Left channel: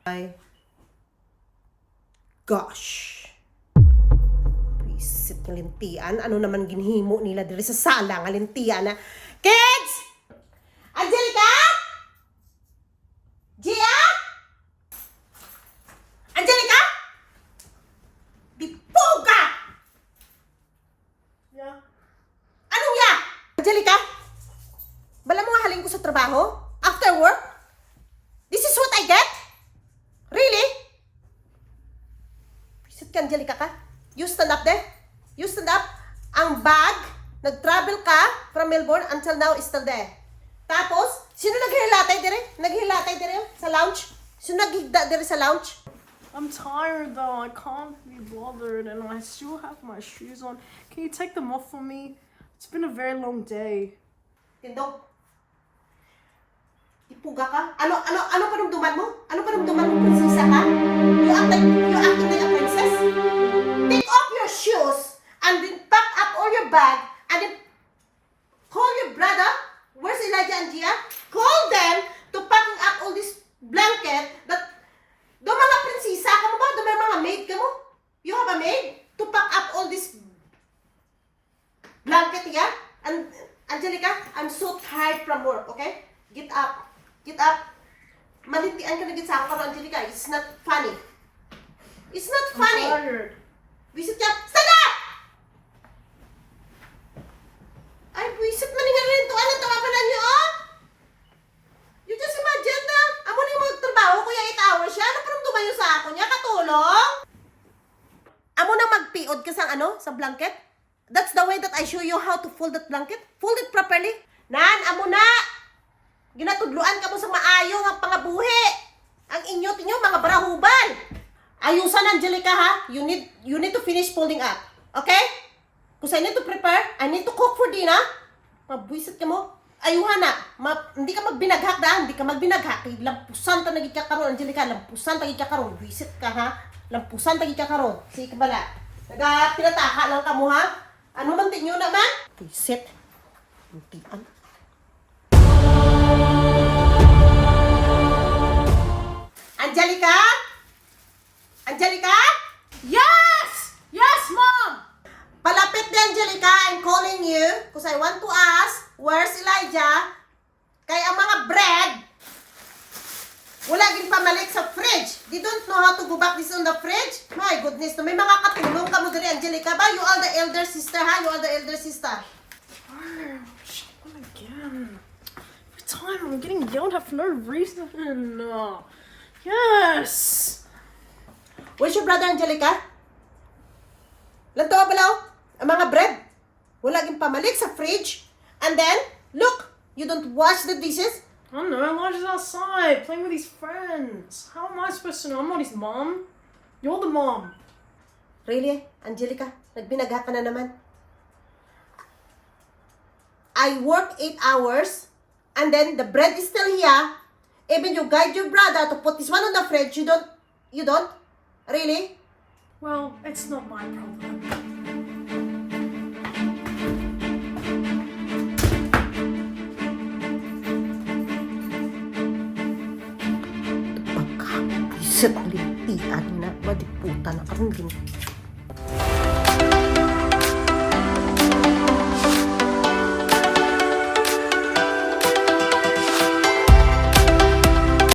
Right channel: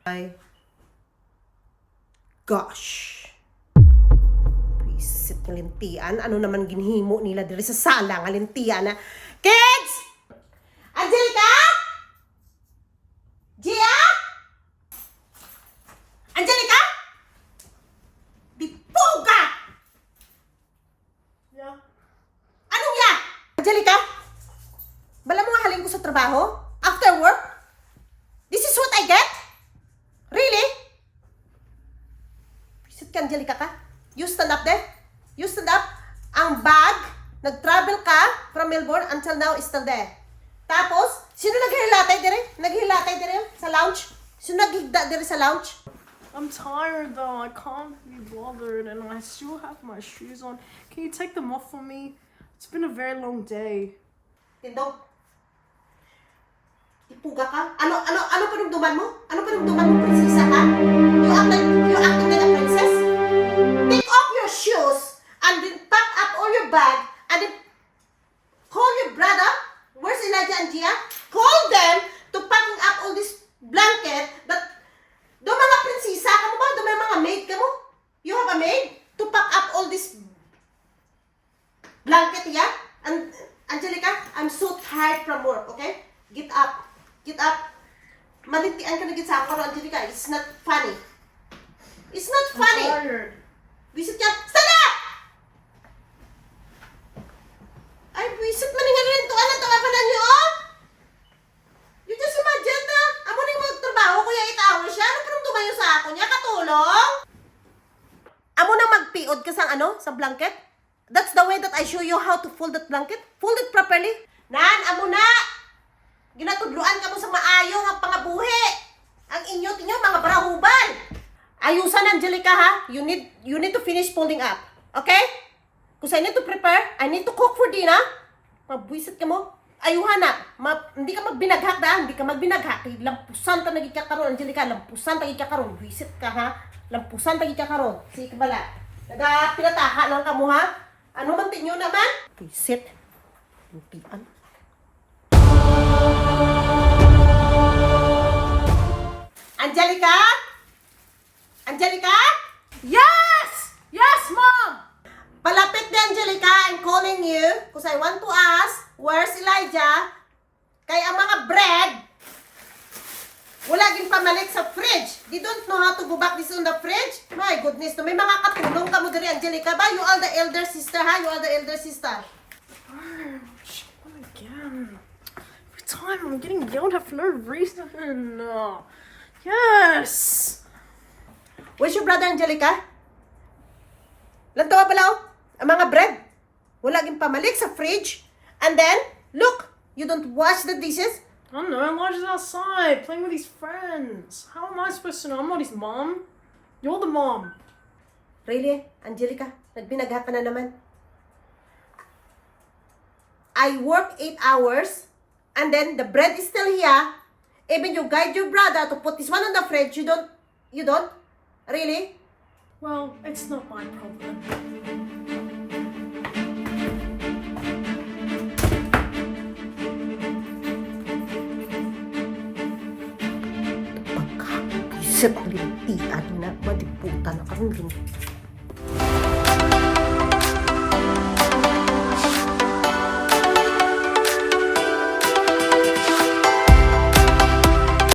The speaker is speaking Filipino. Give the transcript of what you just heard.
My gosh. Visit ng lintian. Ano naman ginhimo nila diri sa sala nga lintian na. Kids! Angelica? Gia? Angelica? Bipoga! Yeah. Anong ya? Angelica? Bala mo nga haling ko sa trabaho? After work? This is what I get? Really? Visit ka, Angelica ka? You stand up there? You stand up? Ang bag, nag-travel ka from Melbourne until now is still there. Tapos, sino naghilatay dire? Naghilatay dire sa lounge? Sino naghigda dire sa lounge? I'm tired though. I can't be bothered, and I still have my shoes on. Can you take them off for me? It's been a very long day. Tindog. Ipuga ka? Ano panumduman mo? Ano panumduman mo, prinsesa ka? You acting like a princess? Take off your shoes and then pack up all your bag and then call your brother. Where's Elijah and Gia? Call them to packing up all this blanket. But do mga prinsesa ka mo ba? Do may mga maid ka mo? You have a maid to pack up all this blanket, yeah? And Angelica, I'm so tired from work, okay? Get up. Get up. Malintian ka na git sa ako, Angelica. It's not funny. It's not funny. I'm tired. Visit ka. Stand up! Ay, visit malingan rin to. Ano, tawa pa na niyo, oh? You just imagine na. Amo na yung magtrabaho, kuya 8 hours siya. Ano pa nung tumayo sa ako niya? Katulong? Amo na magpiod ka sa ano? Sa blanket? That's the way that I show you how to fold that blanket. Fold it properly. Nan, amo na! Ginatudluan ka mo sa maayo ang pangabuhi. Ang inyo mga barahuban. Ayusan, Angelica, ha? You need to finish folding up. Okay? Because I need to prepare. I need to cook for dinner. Mabwisit ka mo. Ayuhan na. Hindi ka magbinaghak da. Hindi ka magbinaghak. Lampusan ta nagikakaroon, Angelica. Lampusan ta nagikakaroon. Visit ka, ha? Lampusan ta nagikakaroon. Sige, bala. Pinataka lang ka mo, ha? Ano man tinyo naman? Visit. Hintian. Angelica? Angelica? Yes! Yes, Mom! Palapit na, Angelica. I'm calling you because I want to ask, where's Elijah? Kaya ang mga bread, wala din pamalik sa fridge. They don't know how to go back this on the fridge. My goodness, no, may mga katulong ka mo diri, Angelica ba? You are the elder sister, ha? You are the elder sister. Oh, shit, what again? Every time I'm getting yelled at for no reason. Yes! Where's your brother, Angelica? Lantawa pala, oh. Ang mga bread, wala din pamalik sa fridge. And then, look, you don't wash the dishes. I don't know, Elijah's outside playing with his friends. How am I supposed to know? I'm not his mom. You're the mom. Really, Angelica? Nagbinagha ka na naman. I work 8 hours, and then the bread is still here. Even you guide your brother to put this one on the fridge, you don't? Really? Well, it's not my problem. Pagkakisip lintian na, madiputan na karon din.